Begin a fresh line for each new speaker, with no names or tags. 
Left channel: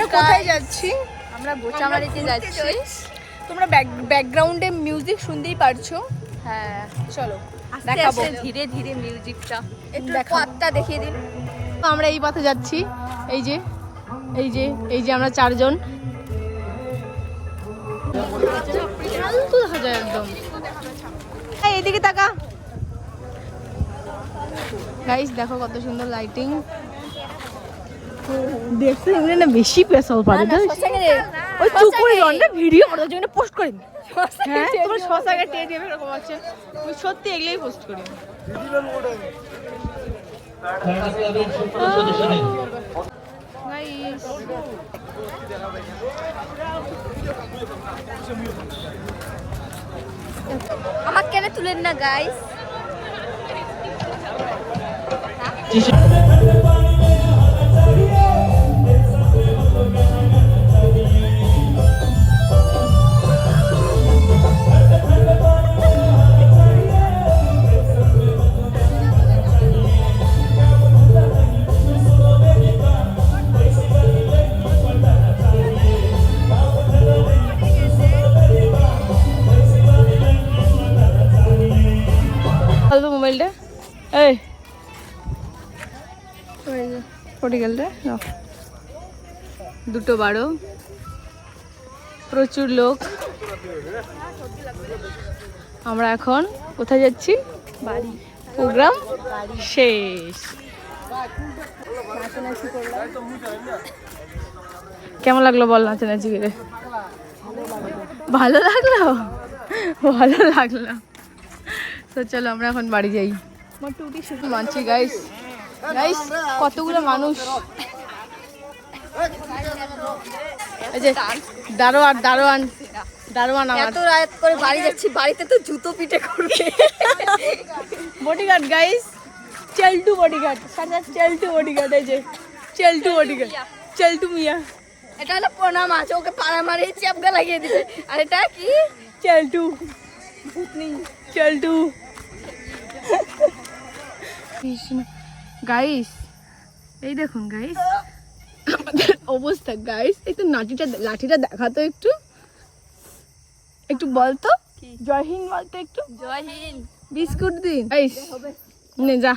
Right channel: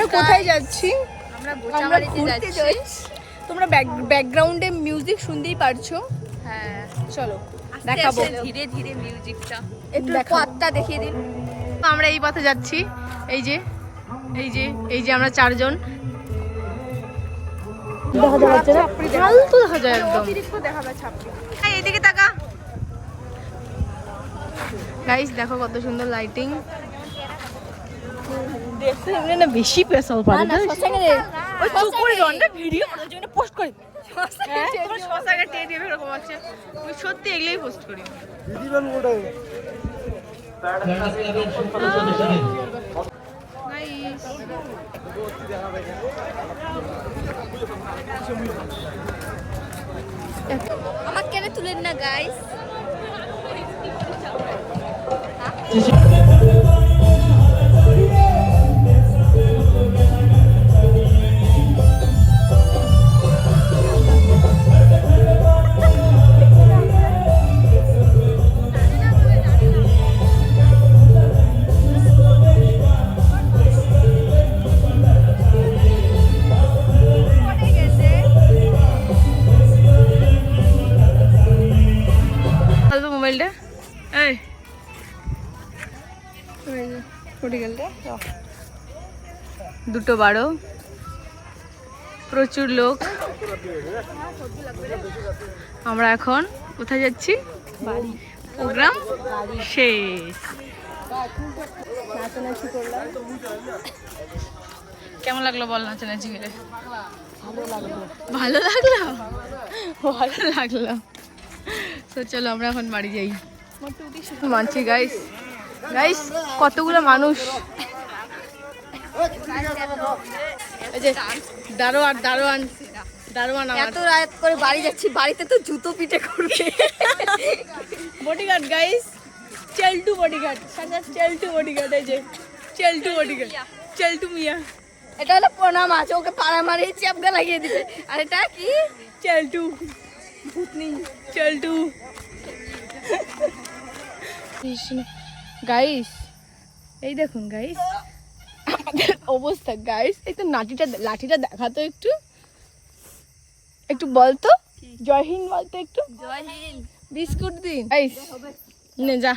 আমরা কোথায় যাচ্ছি?
আমরা বোচামারিতে যাচ্ছি।
তোমরা ব্যাকগ্রাউন্ডে মিউজিক শুনতেই পারছ।
হ্যাঁ।
চলো
দেখাবো। ধীরে ধীরে মিউজিকটা দেখাবো।
পথটা দেখিয়ে দিন। আমরা এই পথে যাচ্ছি। এই যে এই যে এই যে আমরা চারজন। দেখা যাচ্ছে না? ফালতু দেখা যায় একদম। এই, এদিকে তাকা। গাইস দেখো কত সুন্দর লাইটিং দেখতে এমনি না বেশি প্রেসার পারে ওই চুপ করে না ভিডিও করার জন্য পোস্ট করি। শশাকে চেয়ে দিয়ে এরকম আছে। আমি সত্যি এগুলোই পোস্ট করি.
আমার কেন তুলেন না গাইস
এই। পড়ে গেল রে। দুটো বারো। প্রচুর লোক। আমরা এখন কোথায় যাচ্ছি? বাড়ি। প্রোগ্রাম শেষ। নাচানাচি করলাম। কেমন লাগল বল নাচানাচি করে? ভালো লাগল? ভালো লাগল। তো চলো আমরা এখন বাড়ি যাই। মানছি গাইস গাইস কতগুলো মানুষ? দারোয়ান দারোয়ান দারোয়ান
এত রাত করে বাড়ি যাচ্ছি বাড়িতে তো জুতো পিটে করবে।
বডিগার্ড গাইস চেলটু বডিগার্ড সাদা চেলটু বডিগার্ড এই যে চেলটু বডিগার্ড চেলটু মিয়া।
এটা হলো প্রণাম আছে ওকে পাড়া মারিয়ে চাপকা লাগিয়ে দিবে। আর এটা কি?
চেলটু ভূতনি। চেলটু গাইস এই দেখুন গাইস আমাদের অবস্থা গাইস এই তো লাঠিটা লাঠিটা দেখাতো একটু। একটু বলতো জয় হিন্দ বলতো একটু।
জয় হিন্দ।
বিস্কুট দিন। গাইস নে যা।